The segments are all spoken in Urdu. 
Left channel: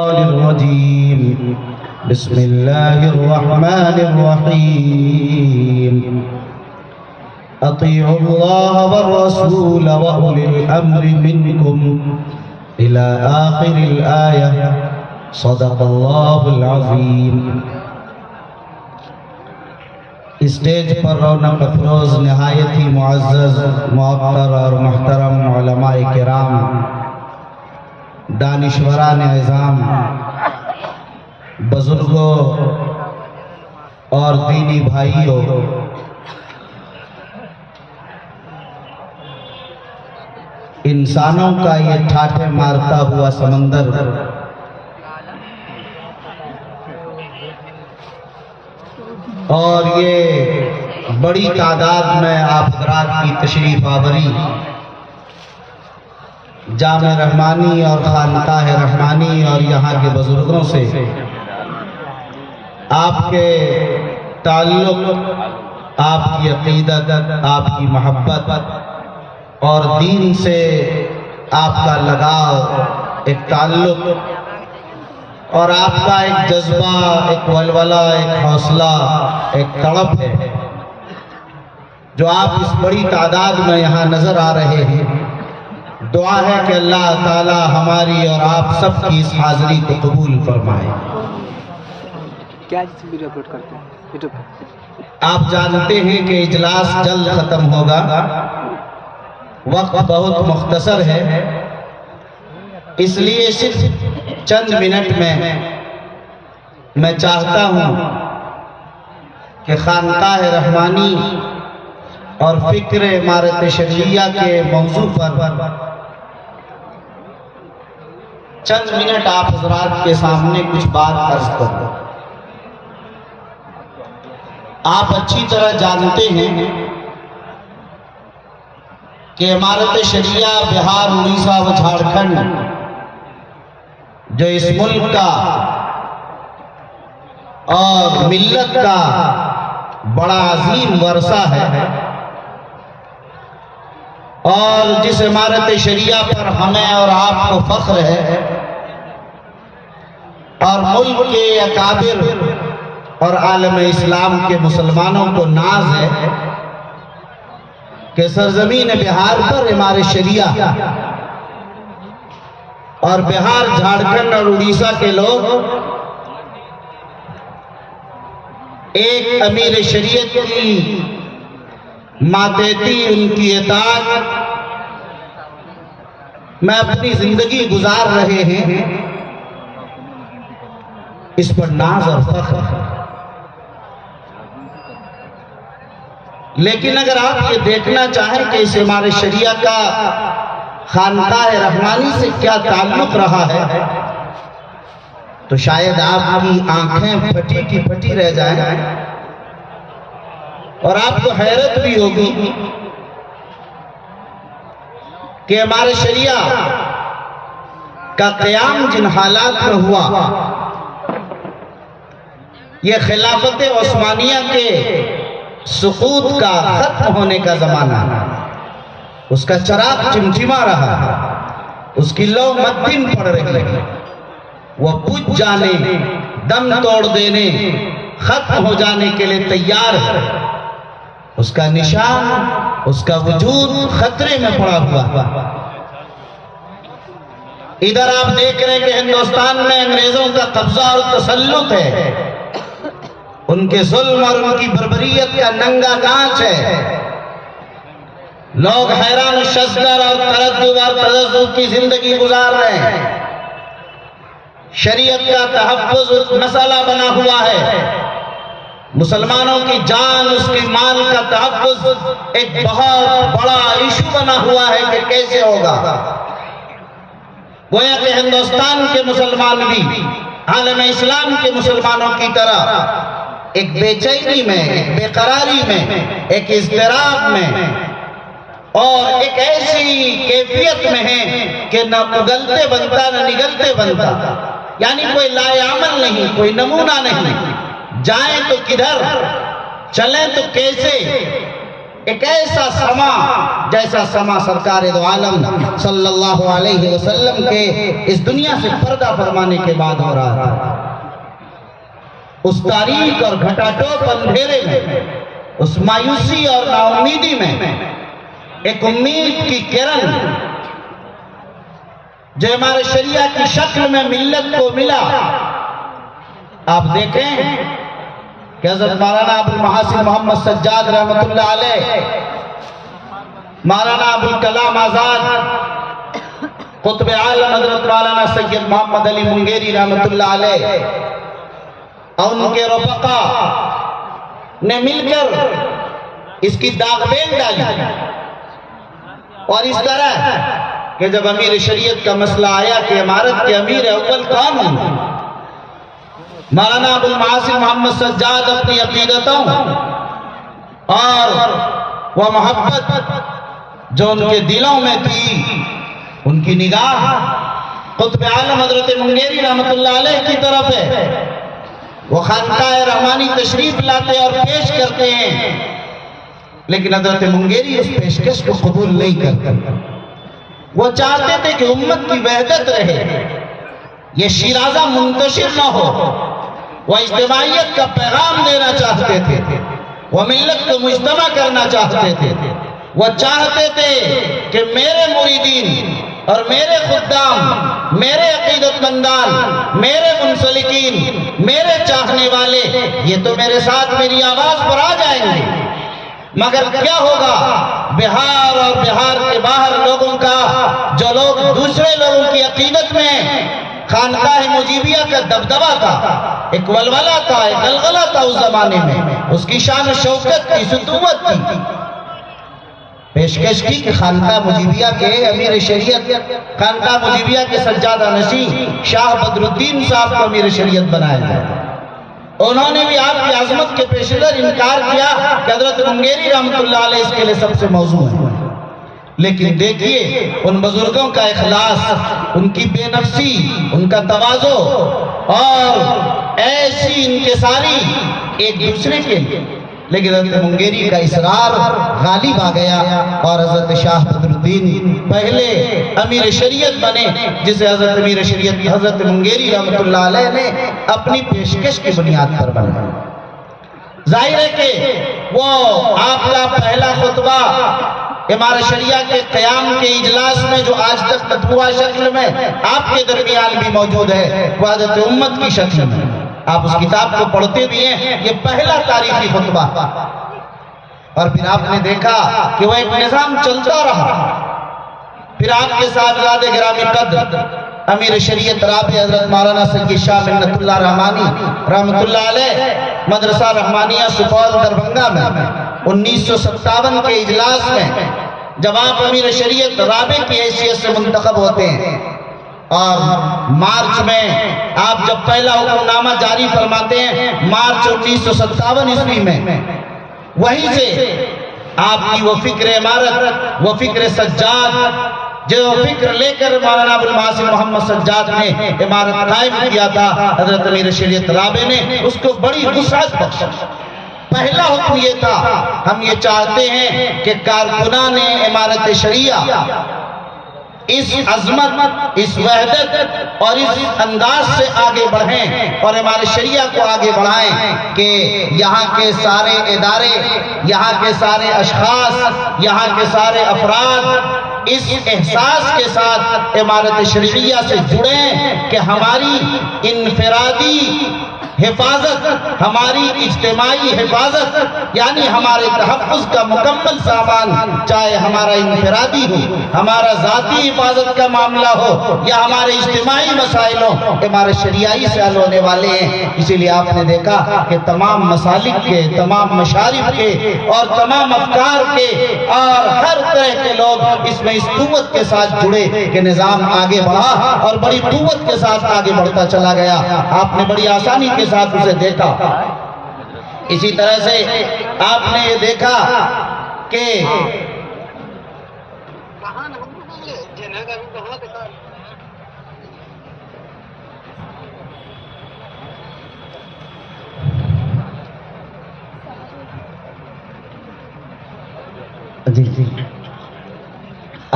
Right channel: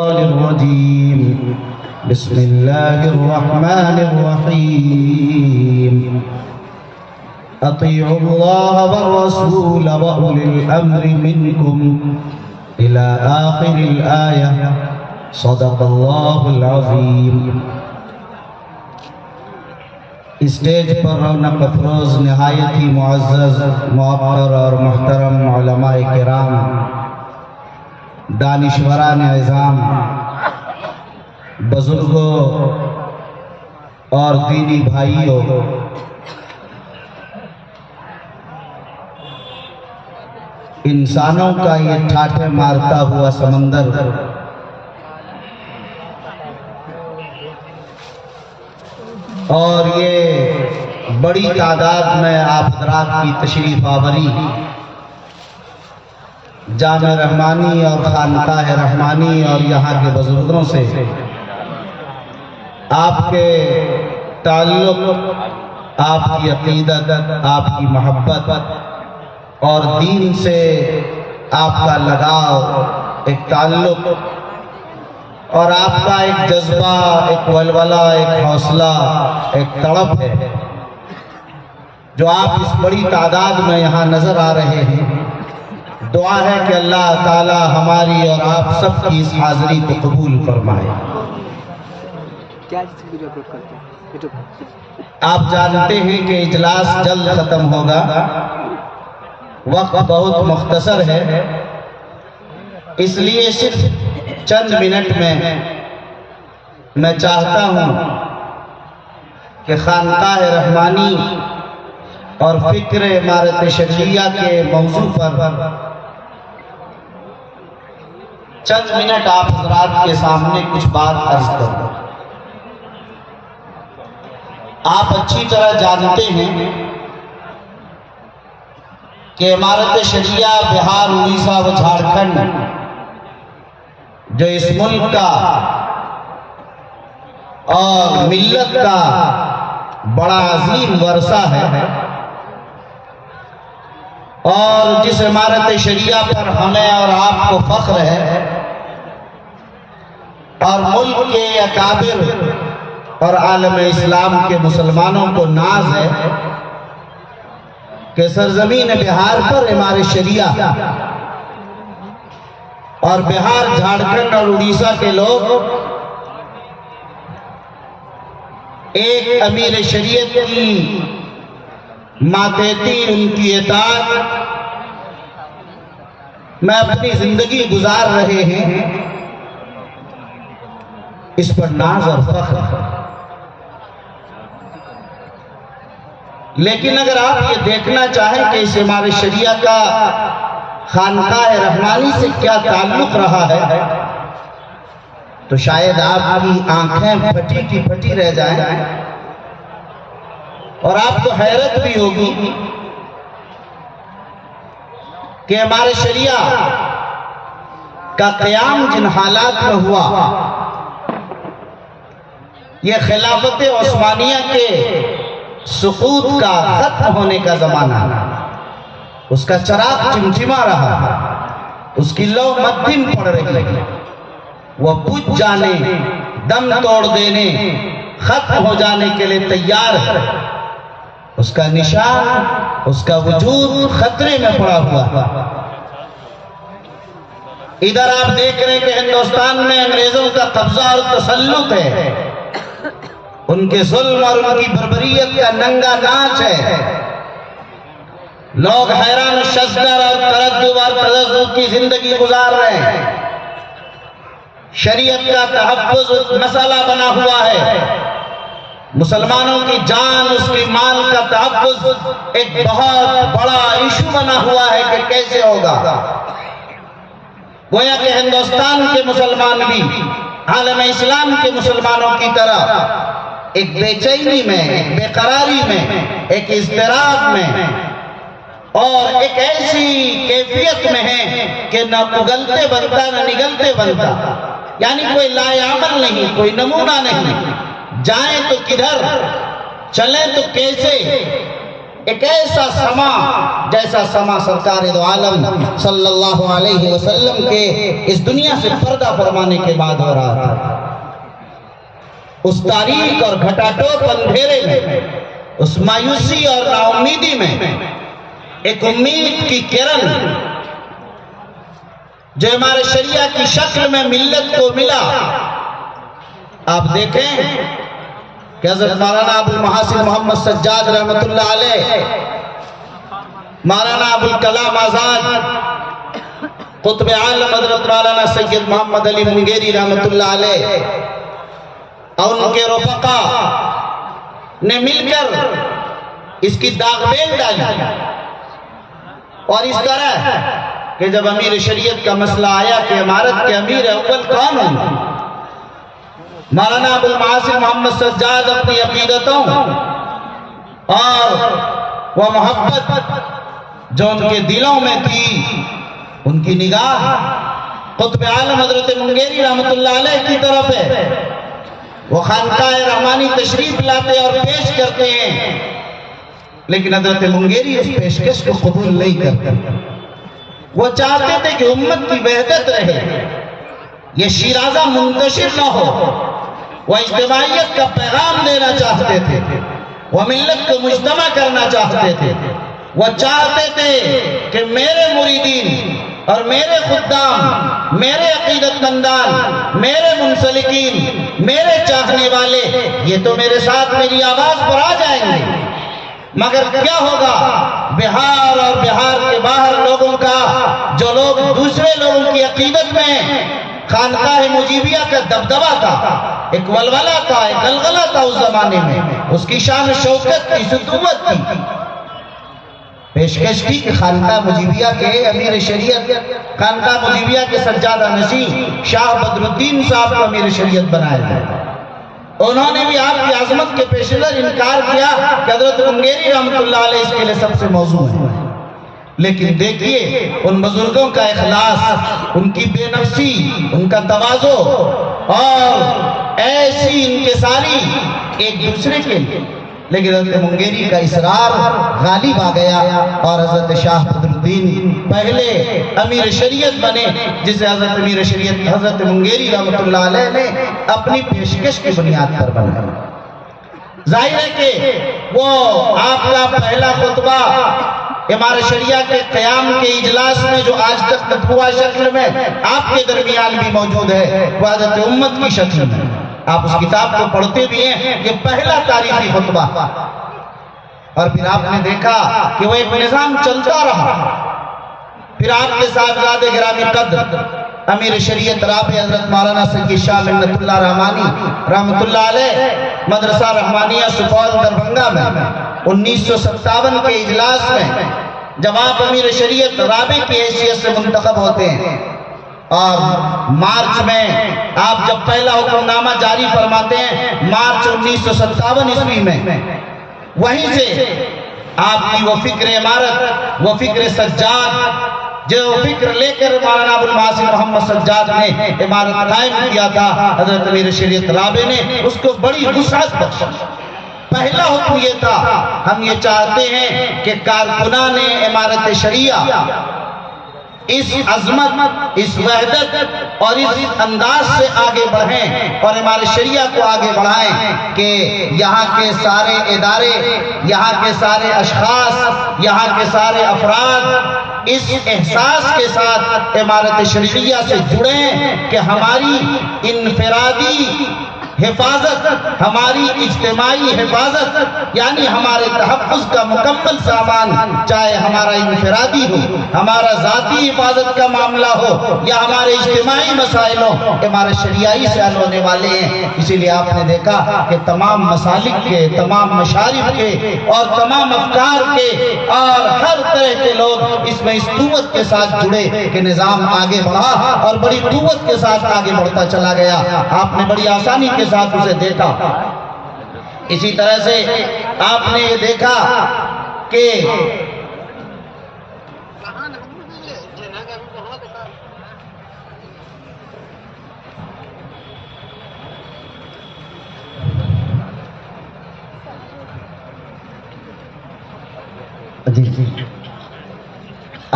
الرجيم بسم الله الرحمن الرحيم أطيعوا الله والرسول وأولي الأمر منكم إلى آخر الآية صدق الله العظيم. اسٹیج پر رونق افروز نہایت ہی معزز موقر اور محترم علماء کرام، دانشوران نظام، بزرگوں اور دینی بھائیوں، انسانوں کا یہ ٹھاٹھے مارتا ہوا سمندر اور یہ بڑی تعداد میں آپ حضرات کی تشریف آوری جامع رحمانی اور خانقاہ رحمانی اور یہاں کے بزرگوں سے آپ کے تعلق، آپ کی عقیدت، آپ کی محبت اور دین سے آپ کا لگاؤ، ایک تعلق اور آپ کا ایک جذبہ، ایک ولولہ، ایک حوصلہ، ایک تڑپ ہے جو آپ اس بڑی تعداد میں یہاں نظر آ رہے ہیں. دعا ہے کہ اللہ تعالی ہماری اور آپ سب کی اس حاضری کو قبول فرمائے. آپ جانتے ہیں کہ اجلاس جلد ختم ہوگا، وقت بہت مختصر ہے، اس لیے صرف چند منٹ میں میں چاہتا ہوں کہ خانقاہ رحمانی اور فکر عمارت شرعیہ کے موضوع پر چند منٹ آپ حضرات کے سامنے کچھ بات عرض کروں. آپ اچھی طرح جانتے ہیں کہ عمارت شرعیہ بہار، اڑیسہ و جھارکھنڈ جو اس ملک کا اور ملت کا بڑا عظیم ورثہ ہے اور جس عمارت شریعہ پر ہمیں اور آپ کو فخر ہے اور ملک کے اکابر اور عالم اسلام کے مسلمانوں کو ناز ہے کہ سرزمین بہار پر عمارت شریعہ اور بہار، جھارکھنڈ اور اڑیسہ کے لوگ ایک امیر شریعت کی ماتحتی، ان کی اطاعت میں اپنی زندگی گزار رہے ہیں، اس پر ناز اور فخر. لیکن اگر آپ یہ دیکھنا چاہیں کہ اس عمارت شریعہ کا خانقاہ رحمانی سے کیا تعلق رہا ہے تو شاید آپ کی آنکھیں پھٹی کی پھٹی رہ جائیں اور آپ کو حیرت بھی ہوگی کہ ہمارے شریعہ کا قیام جن حالات میں ہوا، یہ خلافت عثمانیہ کے سقوط کا، ختم ہونے کا زمانہ، اس کا چراغ چمچما رہا، اس کی لو مدھم پڑ رہی، وہ بجھ جانے، دم توڑ دینے، ختم ہو جانے کے لیے تیار ہے. اس کا نشان، اس کا وجود خطرے میں پڑا ہوا. ادھر آپ دیکھ رہے ہیں کہ ہندوستان میں انگریزوں کا قبضہ اور تسلط ہے، ان کے ظلم اور ان کی بربریت کا ننگا ناچ ہے. لوگ حیران شزدر اور تردد اور تذبذب کی زندگی گزار رہے ہیں. شریعت کا تحفظ مسئلہ بنا ہوا ہے، مسلمانوں کی جان، اس کی مال کا تحفظ ایک بہت بڑا ایشو بنا ہوا ہے کہ کیسے ہوگا. گویا کہ ہندوستان کے مسلمان بھی عالم اسلام کے مسلمانوں کی طرح ایک بے چینی میں، ایک بے قراری میں، ایک اضطراب میں اور ایک ایسی کیفیت میں ہے کہ نہ اگلتے بنتا نہ نگلتے بنتا، یعنی کوئی لائعمل نہیں، کوئی نمونہ نہیں. جائیں تو کدھر، چلیں تو کیسے، ایک ایسا سما جیسا سما سرکار دو عالم صلی اللہ علیہ وسلم کے اس دنیا سے پردہ فرمانے کے بعد ہو رہا تھا۔ اس تاریک اور گھٹا ٹوپ اندھیرے میں، اس مایوسی اور نا امیدی میں ایک امید کی کرن جو ہمارے شریعہ کی شکل میں ملت کو ملا۔ آپ دیکھیں کہ حضرت مولانا ابوالمحاسن محمد سجاد رحمت اللہ علیہ، مولانا ابوالکلام آزاد، قطب عالم حضرت مولانا سید محمد علی منگیری رحمت اللہ علیہ اور ان کے رفقا نے مل کر اس کی داغ بیل ڈالی، اور اس طرح کہ جب امیر شریعت کا مسئلہ آیا کہ امارت کے امیر اول کون ہوں، مولانا ابوالمحاسن محمد سجاد اپنی عقیدتوں اور وہ محبت جو ان کے دلوں میں تھی، ان کی نگاہ قطب عالم حضرت منگیری رحمت اللہ علیہ کی طرف ہے۔ وہ خانقاہ رحمانی تشریف لاتے اور پیش کرتے ہیں، لیکن حضرت منگیری اس پیشکش کو قبول نہیں کرتے۔ وہ چاہتے تھے کہ امت کی وحدت رہے، یہ شیرازہ منتشر نہ ہو۔ وہ اجتماعیت کا پیغام دینا چاہتے تھے، وہ ملت کو مجتمع کرنا چاہتے تھے۔ وہ چاہتے تھے کہ میرے مریدین اور میرے خدام، میرے عقیدت مندان، میرے منسلکین، میرے چاہنے والے، یہ تو میرے ساتھ میری آواز پر آ جائیں گے، مگر کیا ہوگا؟ بہار اور بہار کے باہر لوگوں کا، جو لوگ دوسرے لوگوں کی عقیدت میں خانقاہ مجیبیہ کا دبدبہ تھا، ایک ولولہ تھا، ایک غلغلہ تھا اس زمانے میں، اس کی شان و شوکت کی، سطوت کی، پیشکش کی کہ خانقاہ مجیبیہ کے امیر شریعت، خانقاہ مجیبیہ کے سجادہ نشین شاہ بدر الدین صاحب کو امیر شریعت بنایا جائے۔ انہوں نے بھی آپ کی عظمت کے پیش نظر انکار کیا کہ حضرت منگیری رحمت اللہ علیہ اس کے لئے سب سے موضوع ہے۔ لیکن دیکھیے ان بزرگوں کا اخلاص، ان کی بے نفسی، ان کا تواضع اور ایسی انکساری ایک دوسرے کے لیے، لیکن حضرت منگیری کا اصرار غالب آ گیا اور حضرت شاہ بدر الدین پہلے امیر شریعت بنے، جسے حضرت امیر شریعت حضرت منگیری رحمت اللہ علیہ نے اپنی پیشکش کی بنیاد پر بنایا۔ ظاہر ہے کہ وہ آپ کا پہلا خطبہ امارت شریعہ کے قیام کے اجلاس میں جو آج تک مطبوعہ شکل میں آپ کے درمیان بھی موجود ہے، وہ حضرت امت کی شکل میں، آپ اس کتاب کو پڑھتے بھی ہیں، یہ پہلا تاریخی خطبہ، اور پھر آپ نے دیکھا کہ وہ ایک نظام چلتا رہا۔ پھر آپ کے ساتھ زیادہ گرامی قدر امیر شریعت رابع حضرت مولانا سید شاہ منت اللہ رحمانی رحمت اللہ علیہ مدرسہ رحمانیہ سپول دربھنگا میں 1957 کے اجلاس میں جب آپ امیر شریعت رابع کی حیثیت سے منتخب ہوتے ہیں، اور مارچ میں آپ جب پہلا حکم نامہ جاری فرماتے ہیں مارچ 1957 عیسوی میں، وہیں سے آپ کی وہ فکر امارت، وہ فکر سجاد، جو فکر لے کر مولانا ابوالمحاسن محمد سجاد نے امارت قائم کیا تھا، حضرت امیر شریعت رابع نے اس کو بڑی وسعت بخشی۔ پہلا حکم یہ تھا، ہم یہ چاہتے ہیں کہ کارکنان امارت شریعہ اس عظمت، اس وحدت اور اس انداز سے آگے بڑھیں اور ہمارے شریعہ کو آگے بڑھائیں کہ یہاں کے سارے ادارے، یہاں کے سارے اشخاص، یہاں کے سارے افراد اس احساس کے ساتھ امارت شریعہ سے جڑیں کہ ہماری انفرادی حفاظت، ہماری اجتماعی حفاظت، یعنی ہمارے تحفظ کا مکمل سامان، چاہے ہمارا انفرادی ہو، ہمارا ذاتی حفاظت کا معاملہ ہو یا ہمارے اجتماعی مسائل ہو، ہمارے شریعی سے حل ہونے والے ہیں۔ اسی لیے آپ نے دیکھا کہ تمام مسالک کے، تمام مشارف کے اور تمام افکار کے اور ہر طرح کے لوگ اس میں اس قوت کے ساتھ جڑے کہ نظام آگے بڑھا اور بڑی قوت کے ساتھ آگے بڑھتا چلا گیا۔ آپ نے بڑی آسانی کے ساتھ اسے دیکھا۔ اسی طرح سے آپ نے یہ دیکھا کہ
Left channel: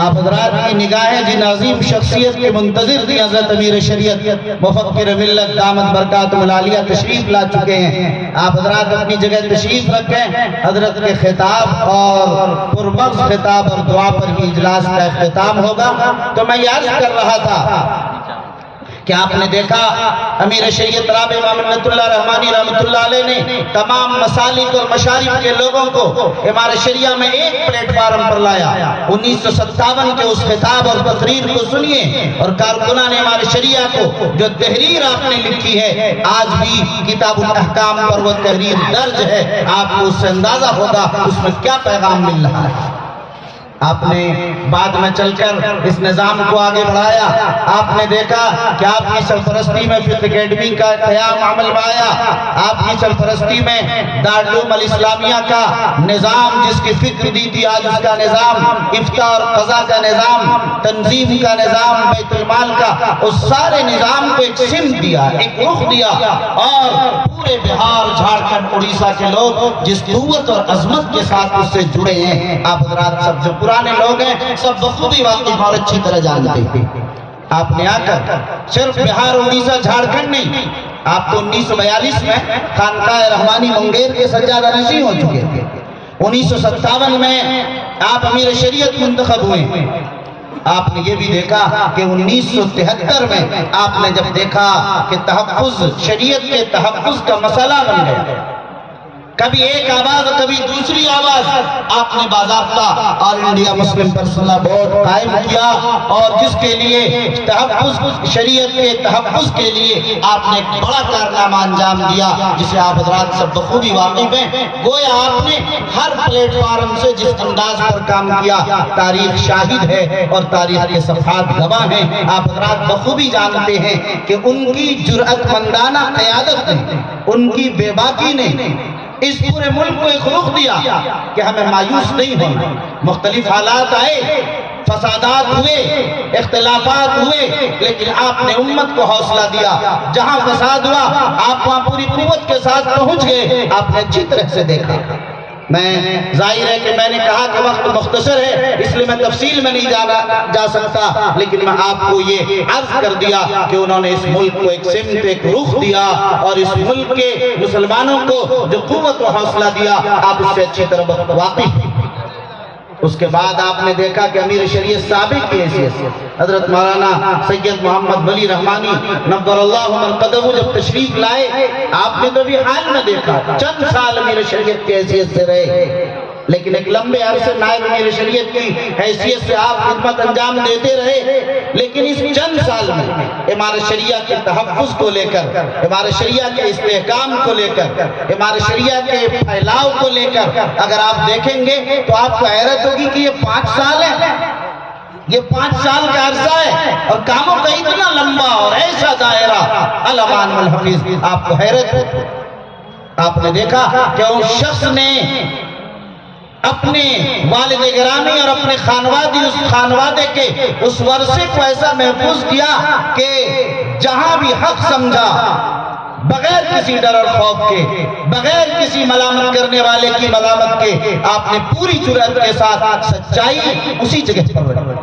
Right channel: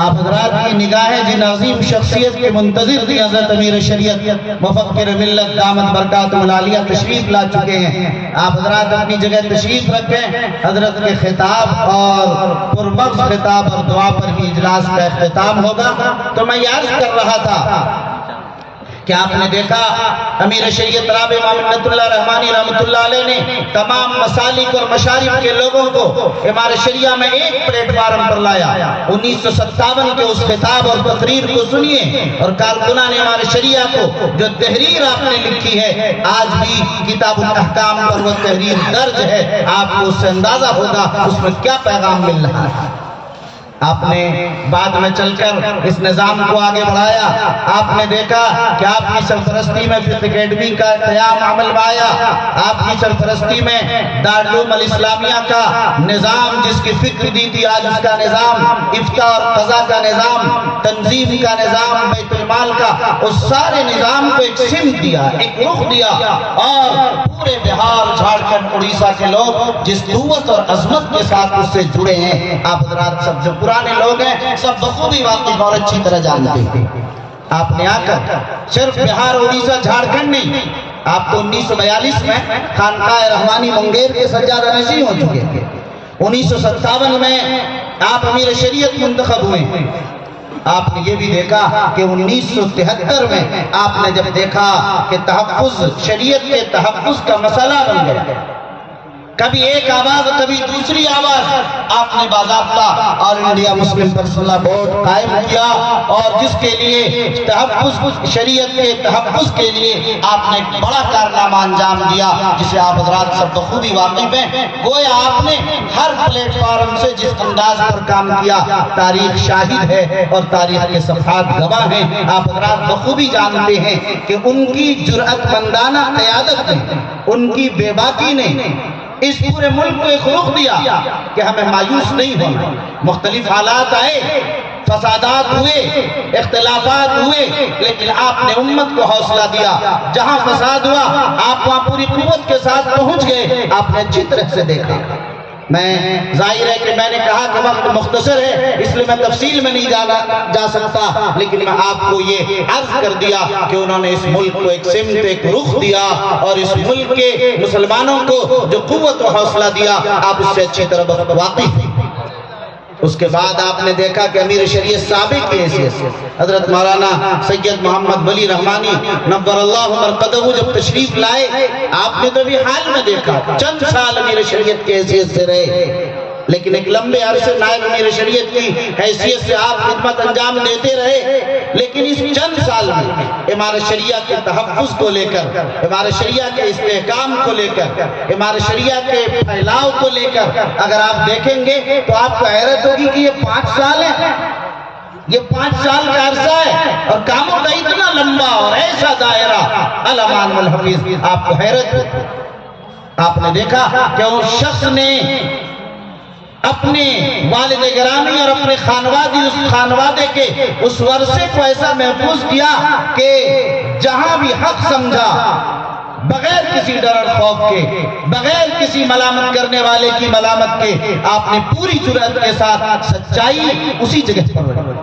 آپ حضرات کی نگاہیں جن عظیم شخصیت کے منتظر تھی حضرت امیر شریعت مفکر ملت دامت برکاتہ العالیہ تشریف لا چکے ہیں. آپ حضرات اپنی جگہ تشریف رکھیں. حضرت کے خطاب اور پرمغز خطاب اور دعا پر ہی اجلاس کا اختتام ہوگا. تو میں یہ عرض کر رہا تھا کہ آپ نے دیکھا امیر شریعت رابع محمد اللہ رحمانی رحمۃ اللہ علیہ نے تمام مسالک اور مشارب کے لوگوں کو امام شریعہ میں ایک پلیٹ فارم پر لایا. 1957 کے اس خطاب اور تقریر کو سنیے اور کارکنان امام شریعہ کو جو تحریر آپ نے لکھی ہے آج بھی کتاب الاحکام پر وہ تحریر درج ہے. آپ کو اس سے اندازہ ہوگا اس میں کیا پیغام مل رہا ہے. آپ نے بعد میں چل کر اس نظام کو آگے بڑھایا. آپ نے دیکھا کہ آپ کی سرپرستی میں فقہ اکیڈمی کا قیام عمل میں آیا. آپ کی سرپرستی میں دارالعلوم الاسلامیہ کا نظام جس کی فکر دی تھی آج اس کا نظام افتاء اور قضاء کا نظام تنظیم کا نظام بیت المال کا اس سارے نظام کو ایک سمت دیا ایک رخ دیا. اور پورے بہار جھارکھنڈ اڑیسہ کے لوگ جس قوت اور عظمت کے ساتھ اس سے جڑے ہیں آپ حضرات سب جو پرانے لوگ ہیں سب بخوبی واقف اور اچھی طرح جانتے ہیں. آپ نے آ کر صرف بہار اڑیسہ جھارکھنڈ نہیں آپ تو 1942 میں خانقاہ رحمانی منگیر کے سجادہ نشین ہو چکے تھے. 1957 میں آپ امیر شریعت منتخب ہوئے ہیں. آپ نے یہ بھی دیکھا کہ 1973 میں آپ نے جب دیکھا کہ تحفظ شریعت کے تحفظ کا مسئلہ بن گیا کبھی ایک آواز کبھی دوسری آواز آپ نے باضابطہ اور انڈیا مسلم پرسنل بورڈ قائم کیا اور جس کے لیے تحفظ شریعت کے تحفظ کے لیے آپ نے ایک بڑا کارنامہ انجام دیا جسے آپ حضرات سب بخوبی واقف ہیں. گویا آپ نے ہر پلیٹ فارم سے جس انداز پر کام کیا تاریخ شاہد ہے اور تاریخ کے صفحات گواہ ہیں. آپ حضرات بخوبی جانتے ہیں کہ ان کی جرأت مندانہ قیادت نے ان کی بے باکی نے اس پورے ملک کو ایک رخ دیا کہ ہمیں مایوس نہیں ہونا. مختلف حالات آئے فسادات ہوئے اختلافات ہوئے لیکن آپ نے امت کو حوصلہ دیا. جہاں فساد ہوا آپ وہاں پوری قوت کے ساتھ پہنچ گئے. آپ نے اچھی طرح سے دیکھا. میں ظاہر ہے کہ میں نے کہا کہ وقت مختصر ہے اس لیے میں تفصیل میں نہیں جا سکتا لیکن میں آپ کو یہ عرض کر دیا کہ انہوں نے اس ملک کو ایک سمت ایک رخ دیا اور اس ملک کے مسلمانوں کو جو قوت و حوصلہ دیا آپ اس سے اچھی طرح واقف ہیں. اس کے بعد آپ نے دیکھا کہ امیر شریعت سابق کی حیثیت سے حضرت مولانا سید محمد ولی رحمانی نور اللہ مرقدہ جب تشریف لائے آپ نے تو بھی حال میں دیکھا چند سال امیر شریعت کی حیثیت سے رہے لیکن ایک لمبے عرصے نائب امیر شریعت کی حیثیت سے آپ خدمت انجام دیتے رہے. لیکن اس چند سال میں امارت شریعہ کے تحفظ کو لے کر امارت شریعہ کے استحکام کو لے کر امارت شریعہ کے پھیلاؤ کو لے کر اگر آپ دیکھیں گے تو آپ کو حیرت ہوگی کہ یہ 5 سال ہے. یہ 5 سال کا عرصہ ہے اور کاموں کا اتنا لمبا اور ایسا دائرہ الامان والحفیظ آپ کو حیرت ہوگی. آپ نے دیکھا کہ اس شخص نے اپنے والد گرامی اور اپنے خانوادے کے اس ورثے کو ایسا محفوظ کیا کہ جہاں بھی حق سمجھا بغیر کسی ڈر اور خوف کے بغیر کسی ملامت کرنے والے کی ملامت کے آپ نے پوری جرأت کے ساتھ سچائی اسی جگہ پر رکھی.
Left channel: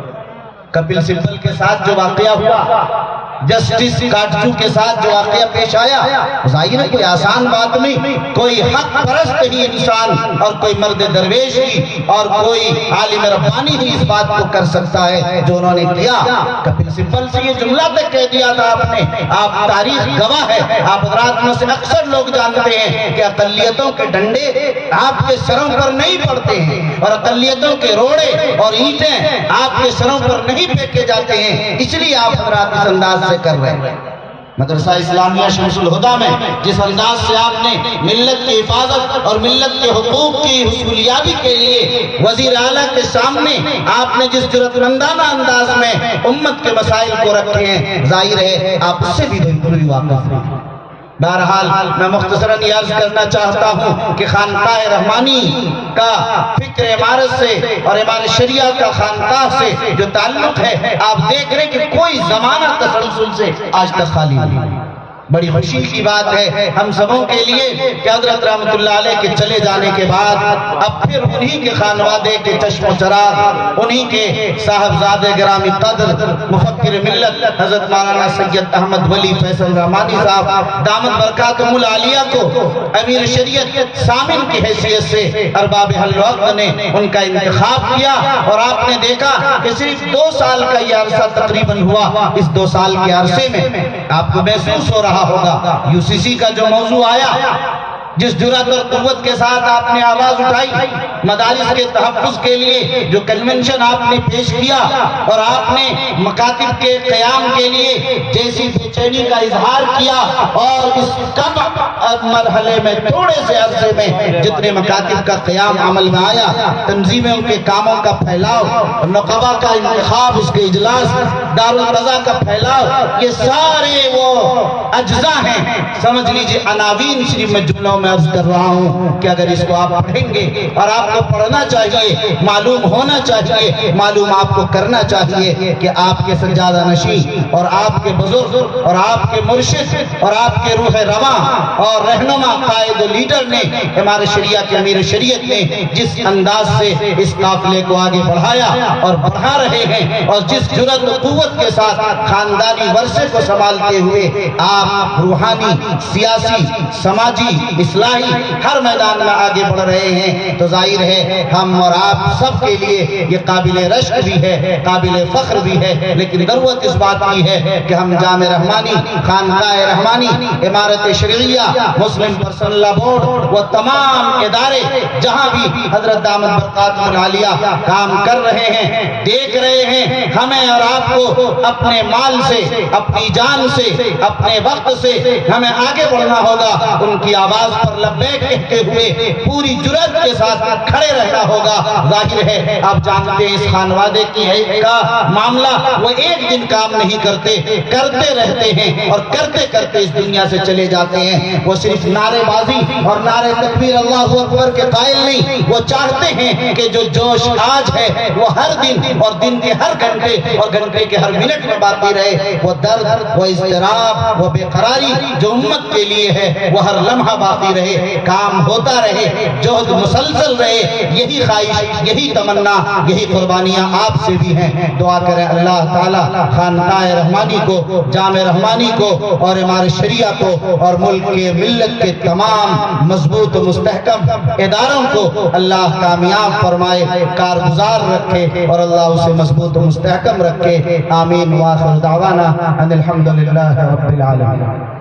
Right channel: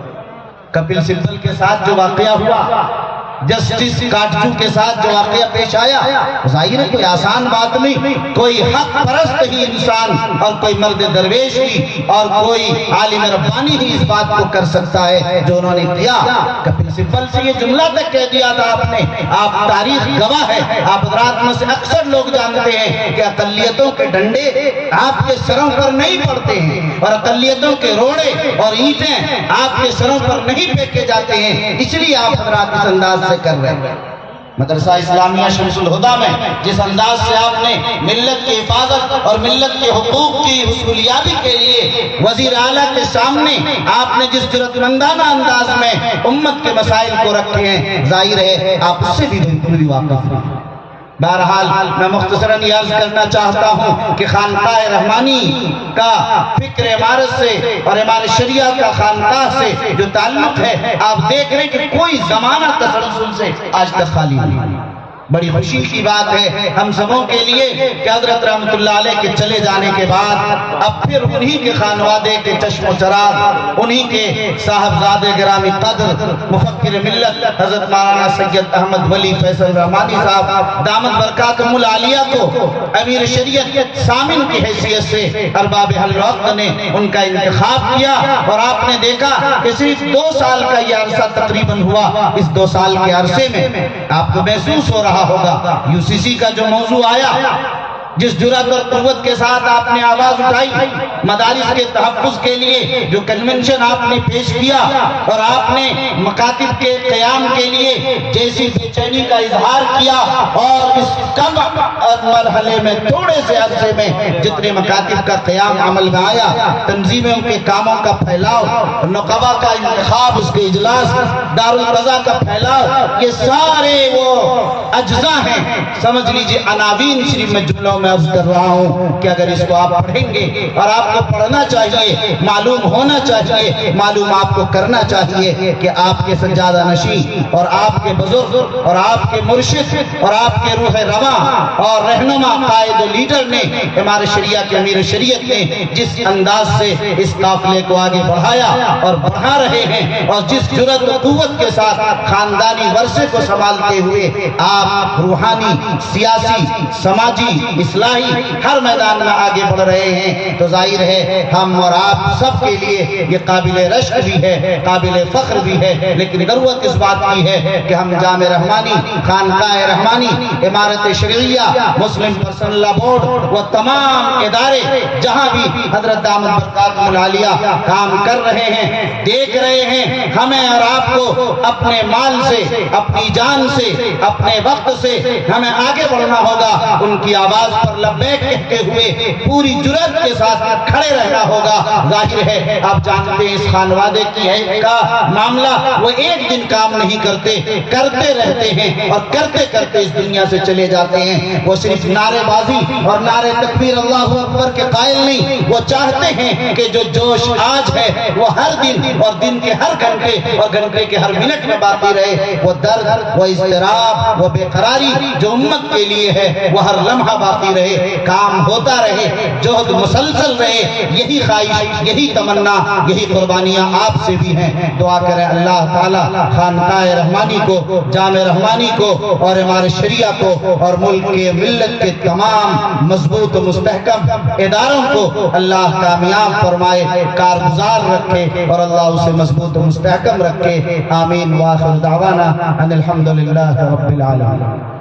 کپل سبل کے ساتھ جو واقعہ ہوا جسٹس کاٹجو کے ساتھ جو واقعہ پیش آیا ظاہر ہے کوئی آسان بات نہیں. کوئی حق پرست ہی انسان اور کوئی مرد درویش ہی اور کوئی عالم ربانی ہی اس بات کو کر سکتا ہے جو انہوں نے کیا. کپل سبل سے یہ جملہ تک کہہ دیا تھا آپ نے. آپ تاریخ گواہ ہے. آپ حضرات میں سے اکثر لوگ جانتے ہیں کہ اقلیتوں کے ڈنڈے آپ کے سروں پر نہیں پڑتے ہیں اور اقلیتوں کے روڑے اور اینٹیں آپ کے سروں پر نہیں پھینکے جاتے ہیں. اس لیے آپ حضرات اس انداز سے کر رہے ہیں. مدرسہ اسلامیہ شمس الہدیٰ میں جس انداز سے آپ نے ملت کی حفاظت اور ملت کے حقوق کی حصولیابی کے لیے وزیر اعلیٰ کے سامنے آپ نے جس جرأتمندانہ انداز میں امت کے مسائل کو رکھے ہیں ظاہر ہے آپ اس سے بھی بالکل واقف ہیں. بہرحال میں مختصراً یہ عرض کرنا چاہتا ہوں کہ خانقاہ رحمانی کا فکر عمارت سے اور امارت شریعہ کا خانقاہ سے جو تعلق ہے آپ دیکھ رہے ہیں کہ کوئی زمانہ تسلسل سے آج تک خالی نہیں. بڑی خوشی کی بات ہے ہم سبوں کے لیے کہ حضرت رحمت اللہ علیہ کے چلے جانے کے بعد اب پھر انہی کے خانوادے کے چشم و چراغ، انہی کے صاحبزادے گرامی قدر مفکر ملت حضرت مولانا سید احمد ولی فیصل رحمانی صاحب دامت برکاتہم العالیہ کو امیر شریعت سامن کی حیثیت سے ارباب حل وقت نے ان کا انتخاب کیا، اور آپ نے دیکھا کہ صرف 2 سال کا یہ عرصہ تقریباً ہوا۔ اس 2 سال کے عرصے میں آپ کو محسوس ہو رہا ہوگا UCC کا جو موضوع آیا، جس جرأت اور قوت کے ساتھ آپ نے آواز اٹھائی، مدارس کے تحفظ کے لیے جو کنونشن آپ نے پیش کیا، اور آپ نے مکاتب کے قیام کے لیے جیسی بے چینی کا اظہار کیا، اور اس کم مرحلے میں تھوڑے سے عرصے میں جتنے مکاتب کا قیام عمل میں آیا، تنظیموں کے کاموں کا پھیلاؤ، نقبہ کا انتخاب، اس کے اجلاس، دارالقضا کا پھیلاؤ، یہ سارے وہ اجزاء ہیں، سمجھ لیجئے عناوین صرف میں جملوں میں عرض کر رہا ہوں کہ اگر اس کو آپ پڑھیں گے، اور آپ کو پڑھنا چاہیے، معلوم ہونا چاہیے، معلوم آپ کو کرنا چاہیے کہ آپ کے سجادہ نشین اور آپ کے بزرگ اور آپ کے مرشد اور آپ کے روح رواں اور رہنما قائد و لیڈر نے، ہمارے شریعہ کے امیر شریعت نے جس انداز سے اس قافلے کو آگے بڑھایا اور بڑھا رہے ہیں، اور جس جرأت و قوت کے ساتھ خاندانی ورثے کو سنبھالتے ہوئے آپ روحانی، سیاسی، سماجی، اصلاحی ہر میدان میں آگے بڑھ رہے ہیں، تو ظاہر ہے ہم اور آپ سب کے لیے یہ قابل رشک بھی ہے، قابل فخر بھی ہے، لیکن ضرورت اس بات کی ہے کہ ہم جامع رحمانی، خانقاہ رحمانی، امارت شرعیہ، مسلم پرسنل لا بورڈ و تمام ادارے جہاں بھی حضرت دامت برکاتہم العالیہ کام کر رہے ہیں، دیکھ رہے ہیں، ہمیں اور آپ کو اپنے مال سے، اپنی جان سے، اپنے وقت سے ہمیں آگے بڑھنا ہوگا، ان کی آواز پر لبیک کہتے ہوئے پوری جرأت کے ساتھ کھڑے رہنا ہوگا۔ ظاہر ہے آپ جانتے ہیں اس خانوادے کی کا معاملہ، وہ ایک دن کام نہیں کرتے، کرتے رہتے ہیں، اور کرتے کرتے اس دنیا سے چلے جاتے ہیں۔ وہ صرف نعرے بازی اور نعرے تکبیر اللہ اکبر کے قائل نہیں، وہ چاہتے ہیں کہ جو جوش آج ہے وہ ہر دن اور دن کے ہر گھنٹے اور گھنٹے کے ہر منٹ میں باقی رہے، وہ درد، وہ اضطراب، وہ بے قراری جو امت کے لیے ہے وہ ہر لمحہ باقی رہے، کام ہوتا رہے، جہد مسلسل رہے، یہی خواہش، یہی تمنا، یہی قربانیاں آپ سے بھی ہیں۔ دعا کریں اللہ تعالیٰ خانقاہ رحمانی کو، جامع رحمانی کو، اور ہمارے شریعہ کو، اور ملک کے ملت کے تمام مضبوط و مستحکم اداروں کو اللہ کامیاب فرمائے، کارگزار رکھے، اور اللہ اسے مضبوط و مستحکم رکھے۔ آمین۔ وآخر دعوانا ان الحمدللہ رب العالمین۔